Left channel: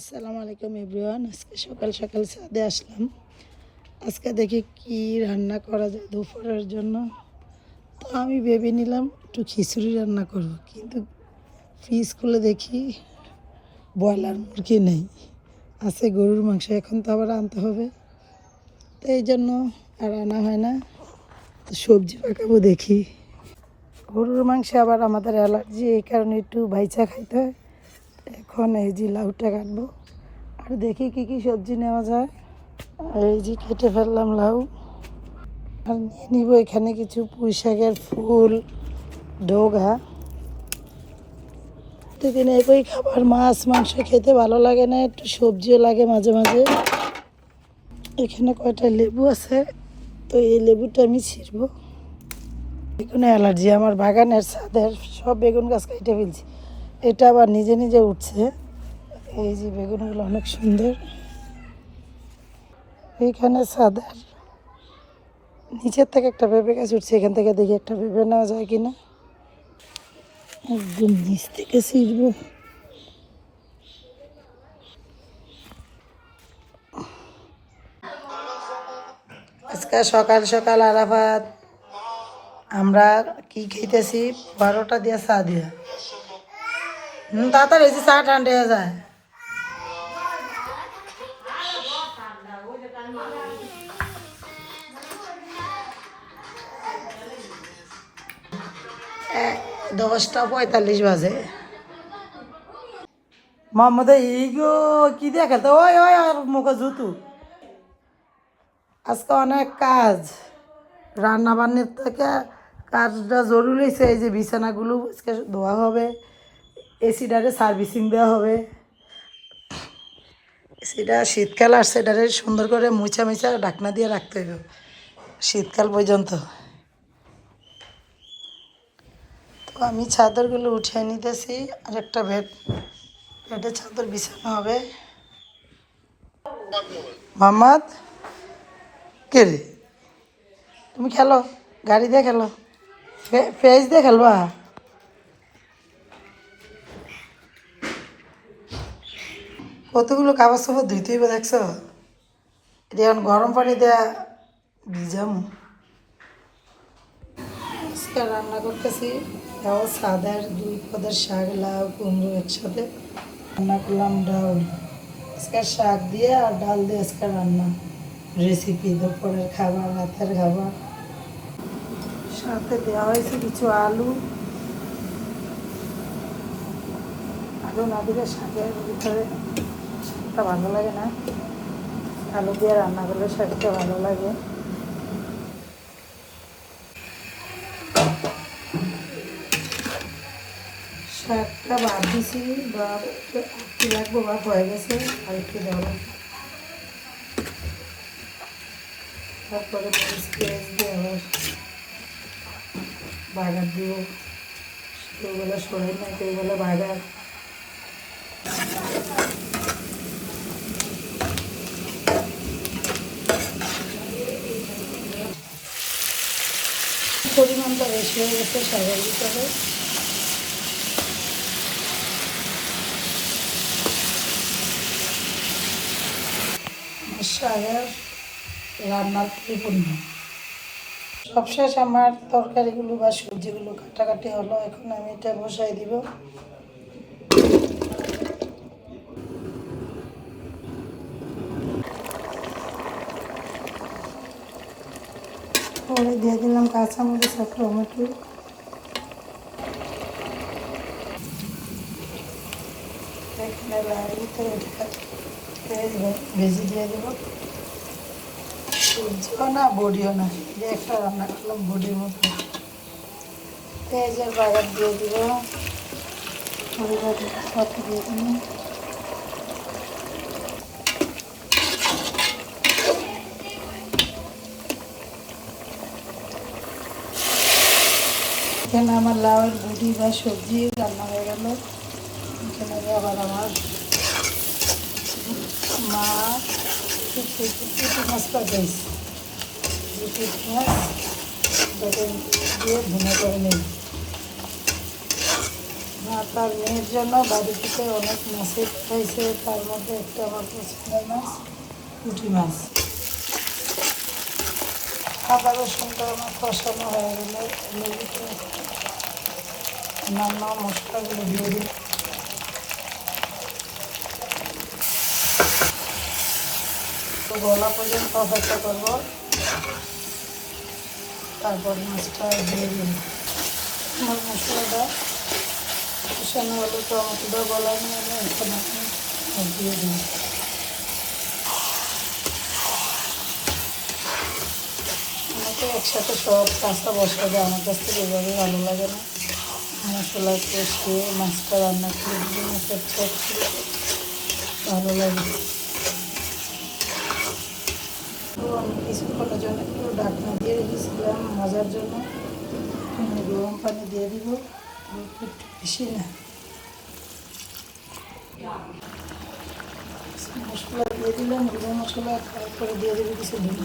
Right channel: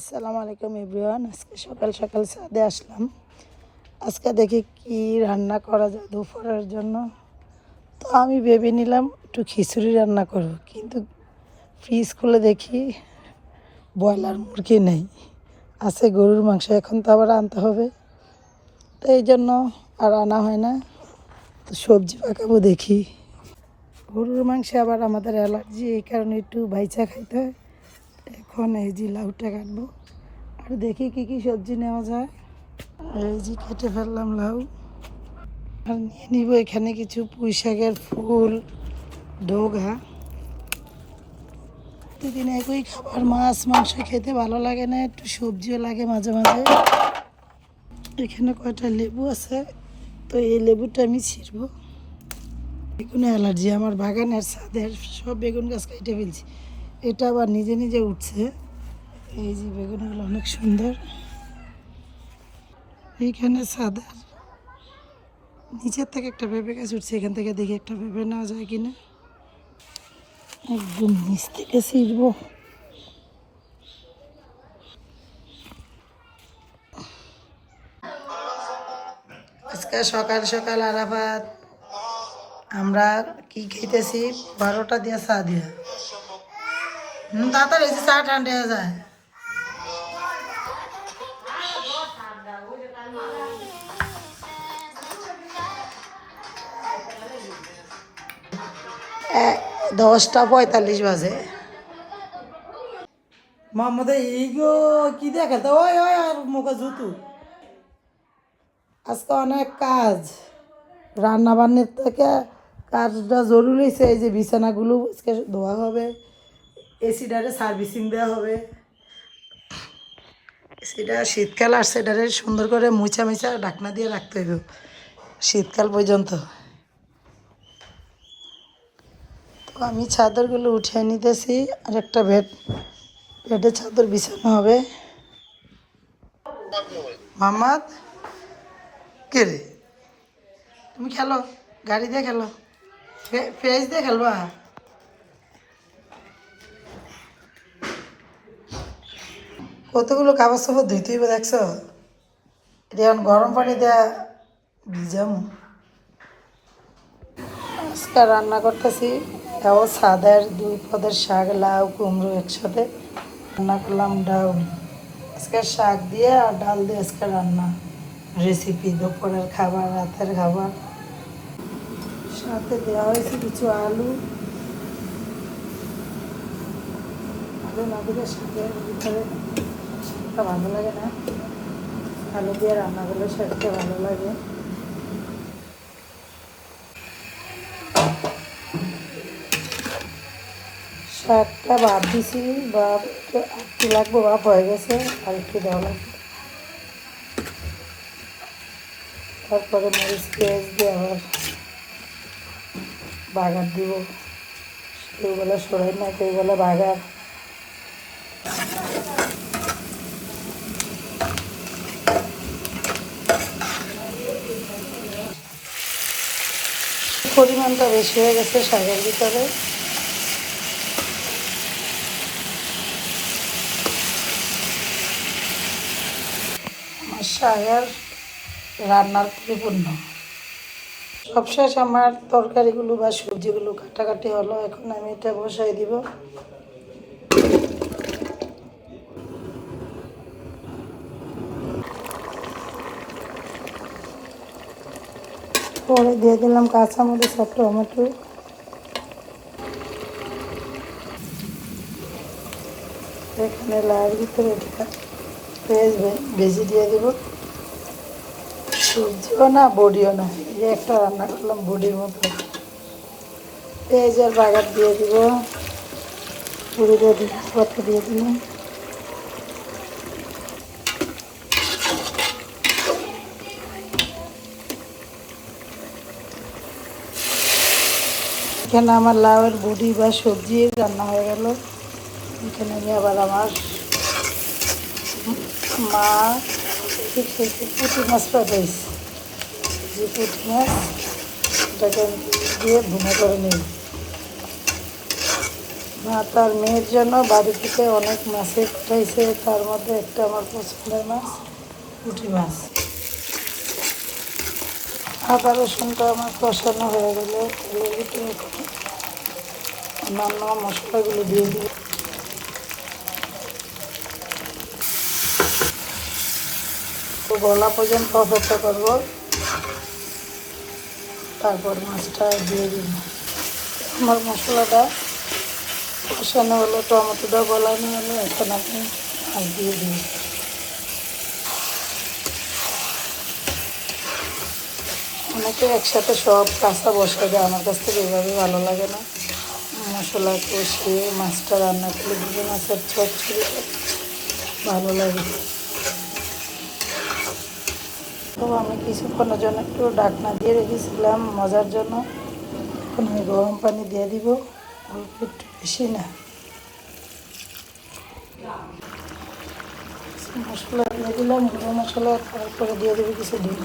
আসসালামু আলাইকুম এভরিওয়ান। আজকে সকাল সকাল ছাদে আসলাম। আজকে দেখি কি রান্না করা যায় দুপুরের জন্য। তো আমি ভেবে নিলাম একটু খিচুড়ি রান্না করব, কিন্তু ফ্রিজ খুলে দেখি ব্রয়লার মুরগি নেই, আছে গরুর মাংস। এখন তো আবার আনতে হবে, তো এই জন্য আর আনা হয় না। তো সবজি পাকাবো দেখি। গরুর মাংসে আবার আমাদের অ্যালার্জি, এই কারণে একটু বাইচা খাইতে হয়। এখন এই যে লাউটা কাটবো, আর দেখি কি কি সবজি নেওয়া যায়। এই যে কেটে ফেললাম লাউ, আর নিয়ে নিব এখানে কিছু পুঁই শাকের ফুল, ডোগা। প্রতিদিন একই খাবার, মাছ মাংস খেতে ভালো লাগে না, একটু সবজিও লাগে মাঝে মাঝে। এখানে কয়টা লেবু আছে, তো এই লেবুটা আমি ছিঁড়বো। বেগুনে অ্যালার্জি, আমার বাগানের ছাদের সব বেগুন গাছ কেটে ফেলছি। এটা আবার নিজে নিজে উঠছে। এই যে বেগুনগুলো অনেক সুন্দর। এইখানে ছাদের নিচের থেকে একটা পেঁপে গাছ উঠছে, এখান থেকে দেখি একটা পেঁপে নেওয়া যায় কিনা। একদম নিচ থেকে ছিঁড়বো। আজকে সকাল সকাল আরাফাত আমরা কি খাইতেছি, 12টা দিয়া চা দিয়া। তাড়াতাড়ি এই যে চা ঠান্ডা হয়ে যায়। এ- 10টা 45 বাজে। মোহাম্মদ ইগো কি দিয়ে খেলতে, ওই ওই আর মুখে জুতু। আজকে অনেক কাজ, রান্না বান্নার থেকে কাজটা জরুরি। এই যে বিছানাগুলো আজকে ধোয়া হবে, এসিটারে সার্ভিসিং দেওয়া হবে। এসিটা শীতকাল আসছে, এটারে সুন্দর করে মুছা মুছা ঢাকনা দিয়ে রাখতে হবে শীতকাল পর্যন্ত। তো আমি চাদরগুলো উঠিয়ে নিতেছি, আর একটা বেডে চাদর বিছানো হবে। মোহাম্মদ কে রে, তুমি খেলো, গাড়ি দিয়ে খেলো, ফেস দিয়ে খেলবা। কতগুলো কাগজ চাপড় ধুইতে হইবে দেখছো। এটা এখন গরম পানি দেওয়া ভিজাম। আজকে রান্না করতেছি তাও সাদার 2 পদের শাক, লাউ কুমড়ো একসাথে রান্না করলাম। ডাল আজকে শাক দিয়ে আর ডাল দিয়ে আজকে রান্না রেসিপি, দুপুরের খাবার রাতের খাবার। সাথে দেওয়া হয়েছে কিছু আলু। আলু না দিলে শাকের ভিতরে শাকটা ভালো লাগে না, আলু দিয়ে রান্না করলে শাকটা ভালো লাগে। শাকটা ভাত দিছি, বা একটু লাগবো, ভাত হয়ে গেছে, আর একটু দেওয়া লাগবে। তারপরে মরিচ পেঁয়াজ দিয়ে আবার বাগার দিব। এইগুলো সরাই না, এইগুলো বাগার। পরিমাণটা বেশি হয়ে গেছে শাকের ভিতরে। আমার শাক আর রান্নার পরিপূর্ণ সবশেষ। আমার তরকারিগুলো বা সবজিগুলো কাটাকাটি হলো, এখন আমি এটা বসাই দিব। পরে দিয়ে দিলাম কাঁচামরিচ আর টমেটো। এখানে লাউর ভিতরে পেঁয়াজ ভেজে দিয়ে দেবো। সবজিও না বড়িও না, এই একটা রান্না করলাম বড়ির মতো। পেঁয়াজ আর বাগার দিয়ে দিব, পুরো দিয়ে দিলাম। এখানে আমার লাউয়ের বড়ি বা সবজি রান্না হয়ে গেল। এখানে আবার আমার মা পুঁটি মাছটা দিয়েছে, যে পুঁটি মাছ এটাকে দিয়ে ভুনা করে নিই। আর তার মেয়ের জন্য বাড়ি থেকে অনেক মাছের রয়েছে, তার মধ্যে একটা আমার পছন্দের মাছ পুঁটি মাছ। আদা রসুনটা আমার কষানো হয়ে গেলে এর ভিতরে অন্যান্য মশলাগুলো দিয়ে দেবো। তো গলা পর্যন্ত অপেক্ষা করবো, তারপর মাছটা দিয়ে দেবো। আমার মশলাটা কষানো হলে টমেটোটা গলা নিয়ে আমি এখন আর দিয়ে দিই। অনেকে একসাথে সব কাঁচা বসে যায়, আমার কাছ থেকে এভাবে ভালো লাগে না। মশলা কষিয়ে মাছটা রান্না করে দিয়ে মাছের চপ করে ভালো লাগে। তো আমি কিছুক্ষণের জন্য একটু ঢাকনা দিয়ে রেখেছিলাম মজার জন্য। এখন আমি গরম পানি দিয়ে দিব, অল্প একটু বেশি না। মশলা দিয়ে দিলাম, গুঁড়ো মশলা, তারপরে দিয়ে দেবো কিছু ডিম।